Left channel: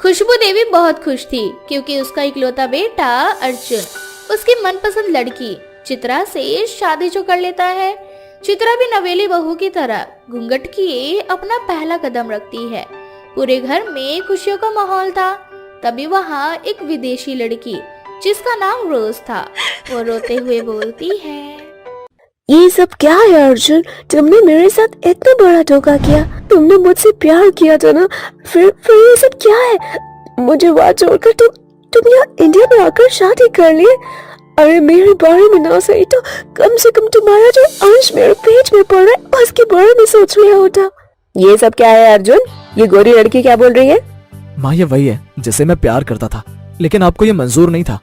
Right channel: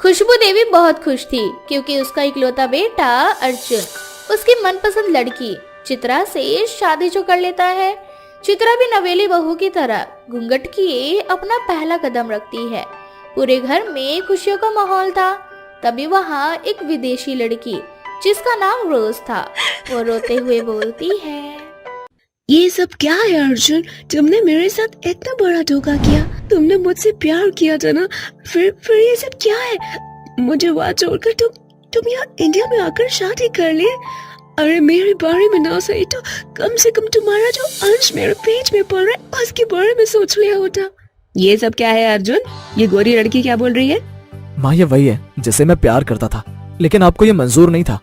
खुशबू देवी बहुत खुश थी क्योंकि उसका इकलौता बेटा अर्जुन उसकी मनपसंद लड़की चित्रा से शादी जो कर लेता है। चित्रा भी नवेली बहू की तरह घूंघट किए अपना पहला कदम रखती है। पूरे घर में खुशियों का माहौल था। तभी वहाँ एक विदेशी लड़की जिसका नाम रोज था, वो रोते हुए बोलती है, ये सब क्या है अर्जुन? तुमने मेरे साथ इतना बड़ा धोखा किया। तुमने मुझसे प्यार किया था ना, फिर ये सब क्या है? मुझे वहाँ छोड़कर तुम यहाँ इंडिया में आकर शादी कर लिए। अरे मेरे बारे में ना सही तो कम से कम तुम्हारा जो अंश मेरे पेट में पड़ रहा है उसके बारे में सोच लिया होता। ये सब क्या है अर्जुन? ये गोरी लड़की क्या बोल रही है? माँ ये वही है जिसे मैं प्यार करता था, लेकिन आपको ये मंजूर नहीं था।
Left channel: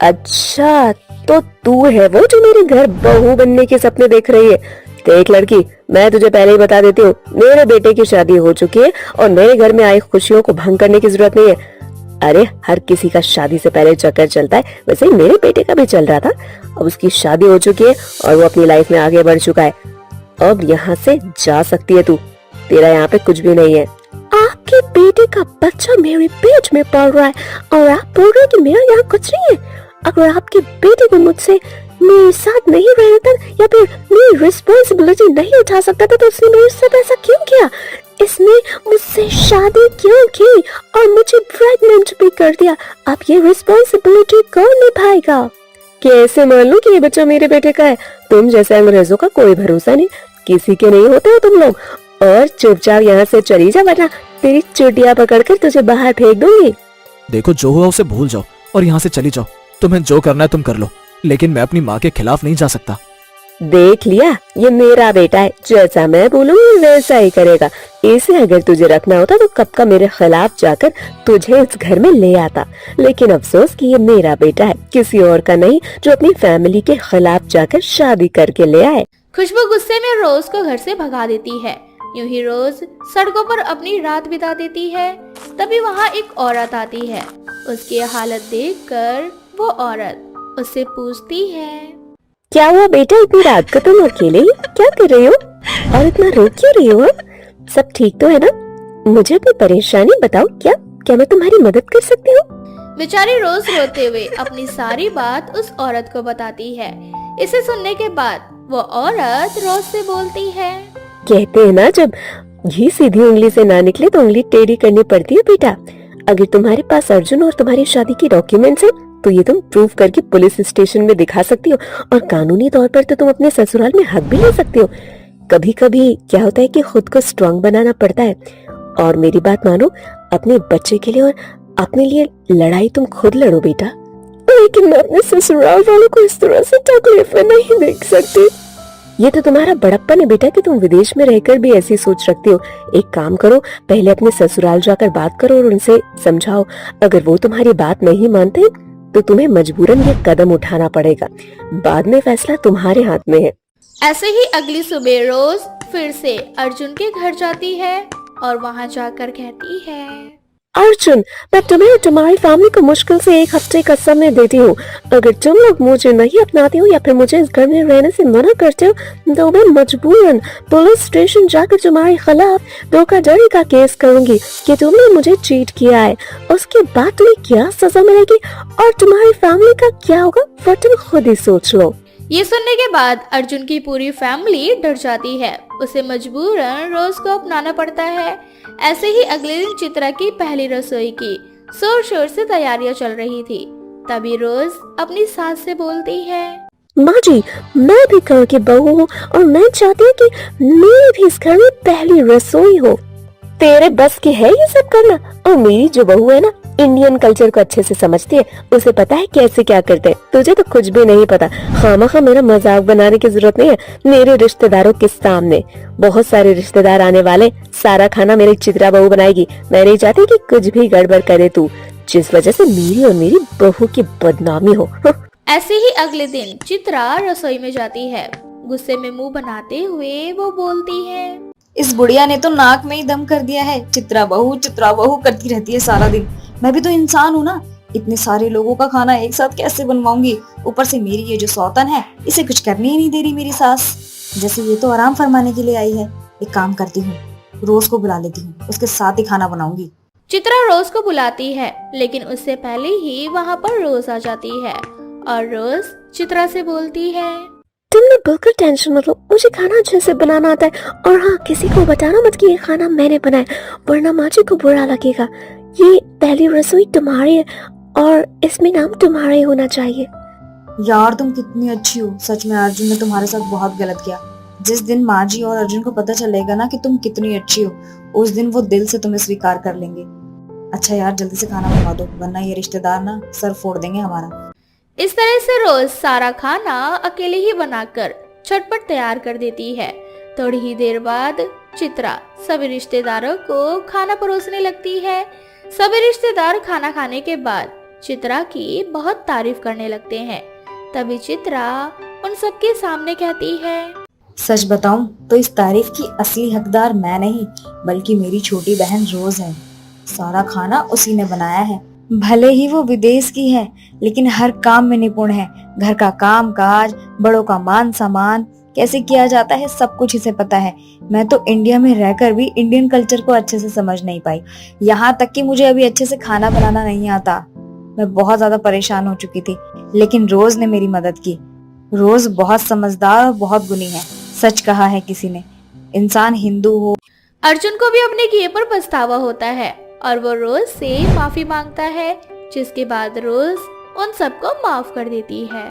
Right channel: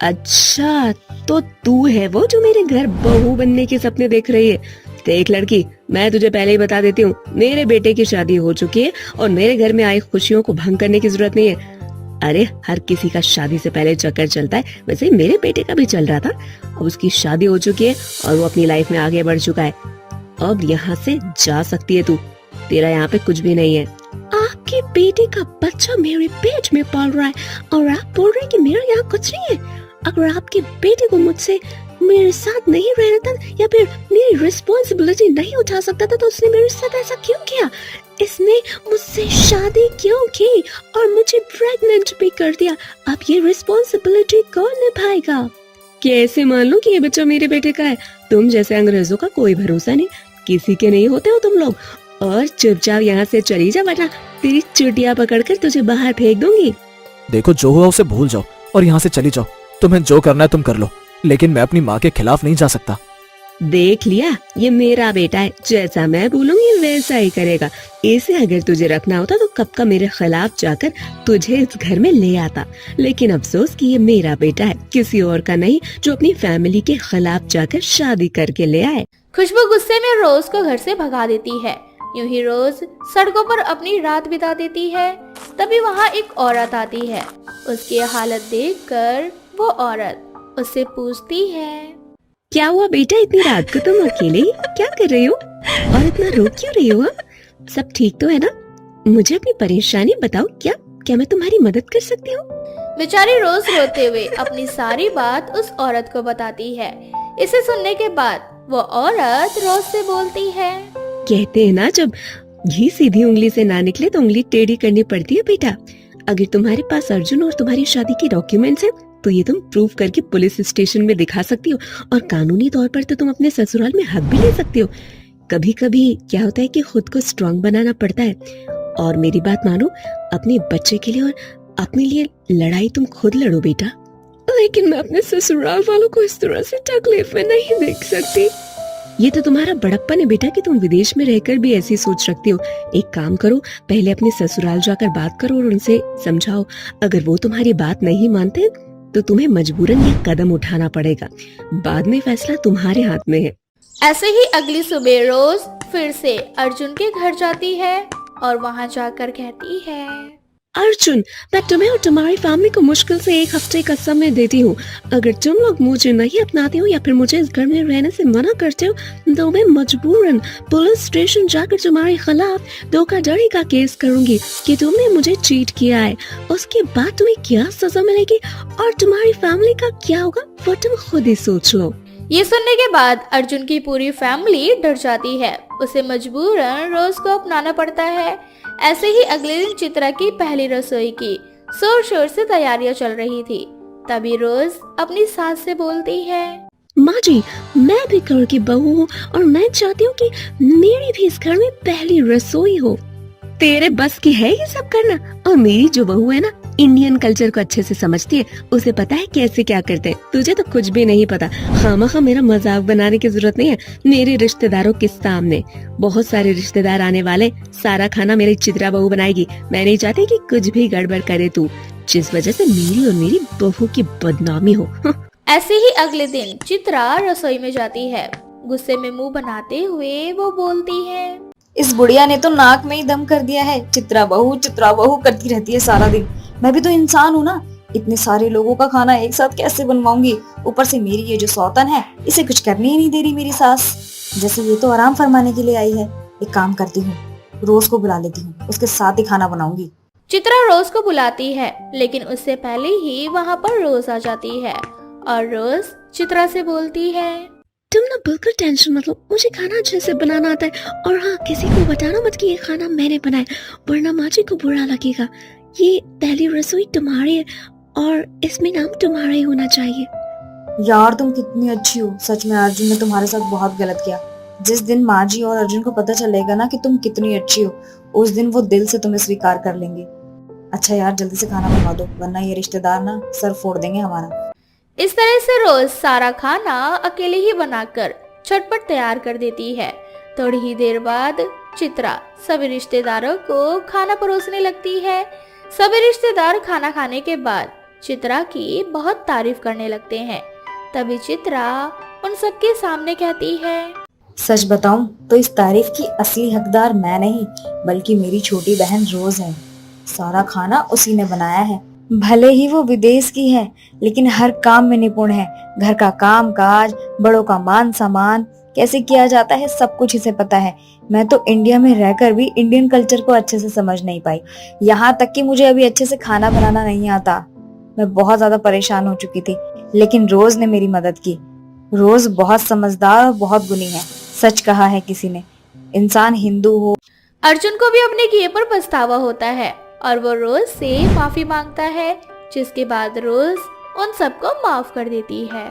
अच्छा, तो तू है वो जो मेरे घर बहू बनने के सपने देख रही है? देख लड़की, मैं तुझे पहले ही बता देती हूँ, मेरे बेटे की शादी हो चुकी है और मेरे घर में आई खुशियों को भंग करने की जरूरत नहीं है। अरे हर किसी का शादी से पहले चक्कर चलता है, वैसे मेरे बेटे का भी चल रहा था। अब उसकी शादी हो चुकी है और वो अपनी लाइफ में आगे बढ़ चुका है। अब यहाँ से जा सकती है तू, तेरा यहाँ पे कुछ भी नहीं है। आपके बेटे का बच्चा मेरे पेट में पल रहा है और आप बोल रहे हैं कि मेरा यहाँ कुछ नहीं है। अगर आपके बेटे को मुझसे मेरे साथ नहीं रहना था या फिर मेरी रिस्पॉन्सिबिलिटी नहीं उठा सकता था तो उसने मेरे साथ ऐसा क्यों किया? इसने मुझसे शादी क्यों की और मुझे प्रेग्नेंट भी कर दिया? अब ये रिस्पॉन्सिबिलिटी कौन निभाएगा? कैसे मान लूं कि ये बच्चा मेरे बेटे का है? तुम जैसे अंग्रेजों का कोई भरोसा नहीं, किसी के नहीं होते हो तुम लोग। और चुपचाप यहाँ से चली जा वरना तेरी चुटिया पकड़कर तुझे बाहर फेंक दूंगी। देखो जो हुआ उसे भूल जाओ और यहाँ से चली जाओ। तुम्हें जो करना है तुम कर लो, लेकिन मैं अपनी माँ के खिलाफ नहीं जा सकता। देख लिया, ये मेरा बेटा है, जैसा मैं बोलूंगी वैसा ही करेगा। इसे अगर तुझे रखना होता तो कब का मेरे खिलाफ जाकर तुझे इस घर में ले आता। लेकिन अफसोस कि ये मेरा बेटा है, किसी और का नहीं, जो अपनी फैमिली के खिलाफ जाकर शादी करके ले आए। खुशबू गुस्से में रोज को घर से भगा देती है। यूं ही रोज सड़कों पर अपनी रात बिता देती है। तभी वहाँ एक औरत आती है। उसकी हालत देखकर वो औरत उससे पूछती है, क्या हुआ बेटा, इतनी रात को तुम अकेले ही क्या कर रही हो और इतना रो क्यों रही हो? सब ठीक तो है ना? मुझे अपनी परेशानी बताओ, क्या मैं तुम्हारी मदद कर सकती हूँ? बेचारी रोज रोते हुए अपनी सारी बात उस औरत को बताती है। इसे सुनने के बाद वो औरत रोज से बोलती है, कहते हैं ना, जब घी सीधी उंगली से ना निकले तो उंगली टेढ़ी करनी पड़ती है बेटा। अगर तुम्हारे पास अर्जुन और तुम्हारी शादी की डॉक्यूमेंट्स हैं, तो ये तुम प्रूव करके पुलिस स्टेशन में दिखा सकती हो और कानूनी तौर पर तो तुम अपने ससुराल में हक भी ले सकती हो। कभी कभी क्या होता है कि खुद को स्ट्रांग बनाना पड़ता है। और मेरी बात मानो, अपने बच्चे के लिए और अपने लिए लड़ाई तुम खुद लड़ो बेटा। लेकिन मैं अपने ससुराल वालों को इस तरह से तकलीफ में नहीं देख सकती। ये तो तुम्हारा बड़प्पन है बेटा कि तुम विदेश में रहकर भी ऐसी सोच रखती हो। एक काम करो, पहले अपने ससुराल जाकर बात करो और उनसे समझाओ। अगर वो तुम्हारी बात नहीं मानते तो तुम्हें मजबूरन ये कदम उठाना पड़ेगा। बाद में फैसला तुम्हारे हाथ में है। ऐसे ही अगली सुबह रोज फिर से अर्जुन के घर जाती है और वहाँ जाकर कहती है, अर्जुन, मैं तुम्हें और तुम्हारी फैमिली को मुश्किल से 1 हफ्ते का समय देती हूँ। अगर तुम लोग मुझे नहीं अपनाते हो या फिर मुझे इस घर में रहने से मना करते हो तो मैं मजबूरन पुलिस स्टेशन जाकर तुम्हारे खिलाफ धोखाधड़ी का केस करूंगी कि तुमने मुझे चीट किया है। उसके बाद तुम्हें क्या सजा मिलेगी और तुम्हारी फैमिली का क्या होगा वो तुम खुद ही सोच लो। ये सुनने के बाद अर्जुन की पूरी फैमिली डर जाती है। उसे मजबूरन रोज को अपनाना पड़ता है। ऐसे ही अगले दिन चित्रा की पहली रसोई की जोर शोर से तैयारियां चल रही थी। तभी रोज अपनी सास से बोलती है, माँ जी, मैं भी घर की बहू हूँ और मैं चाहती हूँ कि मेरी भी इस घर में पहली रसोई हो। तेरे बस की है ये सब करना? और मेरी जो बहू है ना, इंडियन कल्चर को अच्छे से समझती है, उसे पता है कैसे क्या करते हैं। तुझे तो कुछ भी नहीं पता। खामखा मेरा मजाक बनाने की जरूरत नहीं है। मेरे रिश्तेदारों के सामने बहुत सारे रिश्तेदार आने वाले, सारा खाना मेरी चित्रा बहू बनाएगी। मैं नहीं चाहती कि कुछ भी गड़बड़ करे तू, जिस वजह से मेरी और मेरी बहू की बदनामी हो। ऐसे ही अगले दिन चित्रा रसोई में जाती है। गुस्से में मुंह बनाते हुए वो बोलती है, इस बुढ़िया ने तो नाक में ही दम कर दिया है। चित्रा बहू करती रहती है सारा दिन। मैं भी तो इंसान हूँ ना, इतने सारे लोगों का खाना एक साथ कैसे बनवाऊंगी? ऊपर से मेरी ये जो सौतन है, इसे कुछ करने ही नहीं दे रही मेरी सास। जैसे ये तो आराम फरमाने के लिए आई है। एक काम करती हूँ, रोज को बुला लेती हूँ, उसके साथ ही खाना बनाऊंगी। चित्रा रोज को बुलाती है, लेकिन उससे पहले ही वहाँ पर रोज आ जाती है और रोज चित्रा से बोलती है, तुम ना बिल्कुल टेंशन मत लो, मुझे खाना अच्छे से बनाना आता है। और हाँ, किसी को बताना मत कि ये खाना मैंने बनाया, वरना माँ जी को बुरा लगेगा। ये पहली रसोई तुम्हारी है और इसमें नाम तुम्हारा ही होना चाहिए। यार तुम कितनी अच्छी हो, सच में अर्जुन ने तुम्हारे साथ बहुत गलत किया। जिस दिन माँ जी और अर्जुन को पता चलेगा ना कि तुम कितनी अच्छी हो, उस दिन वो दिल से तुम्हें स्वीकार कर लेंगे। अच्छा यार जल्दी से खाना बनवा दो, वरना ये रिश्तेदार ना सर फोड़ देंगे हमारा। इस तरह से रोज सारा खाना अकेले ही बनाकर झटपट तैयार कर देती है। थोड़ी ही देर बाद चित्रा सभी रिश्तेदारों को खाना परोसने लगती है। सभी रिश्तेदार खाना खाने के बाद चित्रा की बहुत तारीफ करने लगते हैं। तभी चित्रा उन सबके सामने कहती है, सच बताऊं तो इस तारीफ की असली हकदार मैं नहीं, बल्कि मेरी छोटी बहन रोज है। सारा खाना उसी ने बनाया है। भले ही वो विदेश की है, लेकिन हर काम में निपुण है। घर का काम काज, बड़ों का मान सम्मान कैसे किया जाता है, सब कुछ इसे पता है। मैं तो इंडिया में रहकर भी इंडियन कल्चर को अच्छे से समझ नहीं पाई, यहाँ तक कि मुझे अभी अच्छे से खाना बनाना नहीं आता। मैं बहुत ज्यादा परेशान हो चुकी थी, लेकिन रोज ने मेरी मदद की। रोज बहुत समझदार और बहुत गुणी है। सच कहा है किसी ने, इंसान हिंदू हो। अर्जुन को भी अपने किए पर पछतावा होता है और वो रोज से माफी मांगता है, जिसके बाद रोज उन सबको माफ कर देती है।